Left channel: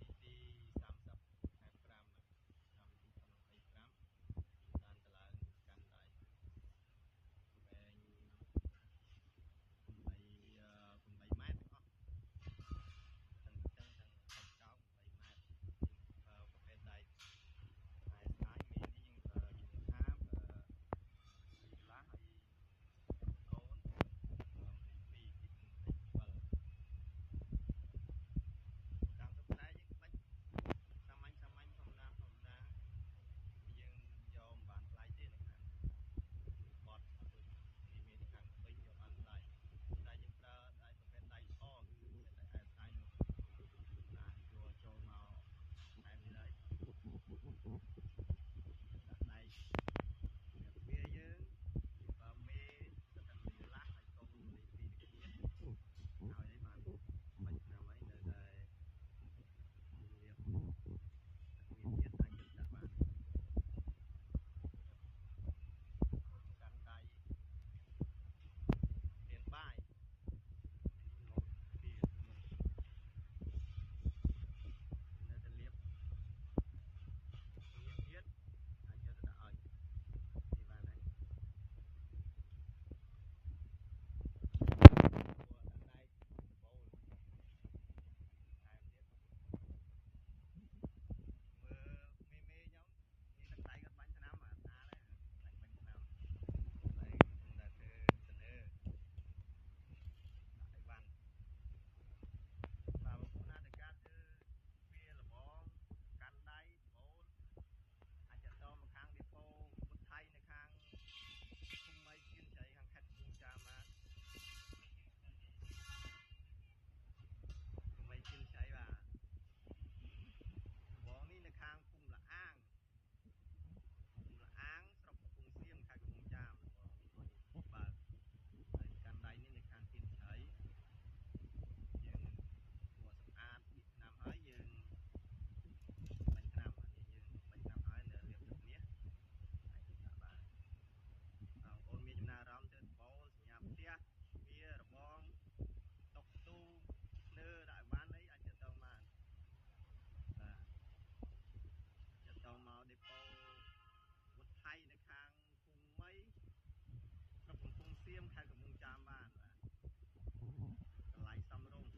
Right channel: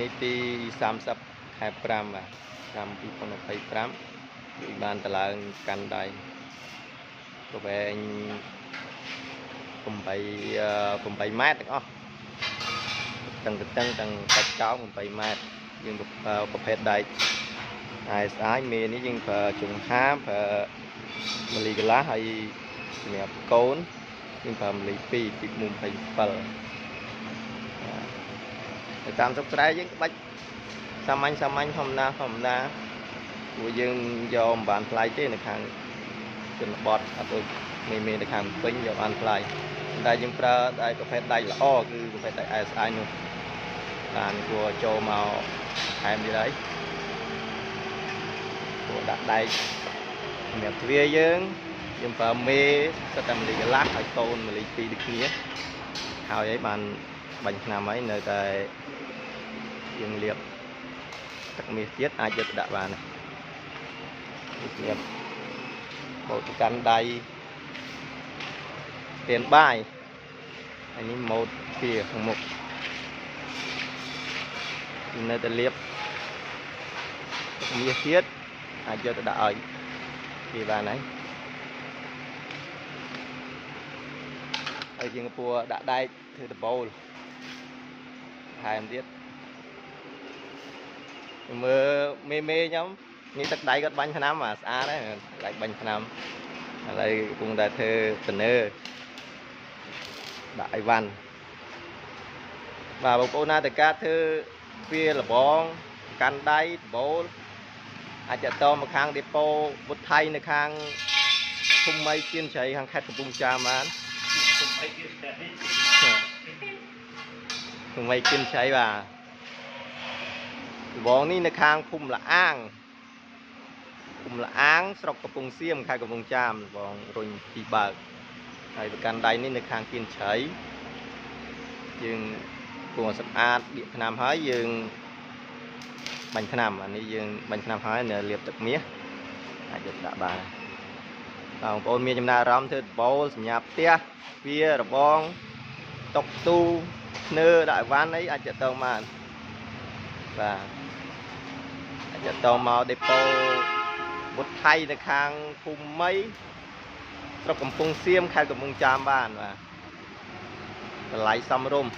នេះទី30 ខែ 5 បាទឆ្នាំ2025ពីបានតឡើងកាន់ដៃប្រវែង8 ម៉ែត្រទាំងអស់ទាំងកាច់កោង8 ម៉ែត្រយើងប្រភេទដែក ASI មេនេះយើងប្រើជុំហាប្រើមលីកន្លះហើយសម្រាប់កូនយើងប្រើមលី2ពី27ទៅតាមស្រុកស្រែយើងក្បាច់សាមញ្ញធម្មតាព្រោះយើងយកមិនបានថ្លៃទេនៅខាងជនបទអត់ដូចមេនៅខាងពេញយកបានថ្លៃតែយើងប្រើដែកប្រភេទដែកល្អគឺប្រភេទដែក ASI នោះបានគួរចូលមកថែមទៀតហើយគួរដាក់ដែកសម្រាប់ទ្វារយើងប្រើមេសិតតែមលីកន្លះហើយកូនមលី2ដូចគ្នាហើយấyបានបាញ់ឆ្នាំហើយនៅតែយើងលាបទឹកមាសទៀតអាចយកទៅដាក់បានទៀតបូតកាន់ដៃទៀនបាយហើយនេះម៉ូតពីខាងមុខនៅតែលាបទឹកមាសទៀតអាចយកទៅដាក់ឲ្យពីបានហើយហើយយើងពួរដាក់ដែកធ្វើដបូលថែមទៀតមើលមេខ្ញុំនេះទឹកដៃគាត់បាញ់ថ្នាំស្អាតហើយដៃបាញ់ថ្នាំឥឡូវកំពុងតែធ្វើតនើដាក់អីវ៉ាន់បាទបងប្អូនណាតើការធ្វើវាលបងកាន់ដៃដបូលអាចតមកខាងដេប៉ូវុទ្ធថៃនៅខាងភូមិមីគៀនជ្រៃខាងខេត្តកំពង់ចាមបានភូមិមីគៀនជ្រៃបាទលបងនេះនៅខាងភូមិលអាងស្រុកកំពង់សៀមខេត្តកំពង់ចាមបងរុញពីបើកហើយប្រកាន់ដៃនេះនៅខាងគៀនជ្រៃយើងគួរសម្អាតបៀកថ្នាំហើយយើងបាញ់ថ្នាំអានេះយើងបាញ់ថ្នាំហើយនៅលាបទឹកមាសអាចយកដាក់បានបងប្អូនមានចំណារអារម្មណ៍ធ្វើដបូលសញ្ញាផ្ទះវារបងតុកទូធ្នើដាក់អីវ៉ាន់អីអាចទៅបានបាទអាចទៅមកដេប៉ូវុទ្ធថៃនៅខាងភូមិមីស្រុកកំពង់សៀមខេត្តកំពង់ចាមបានបាទតម្លៃសមរម្យ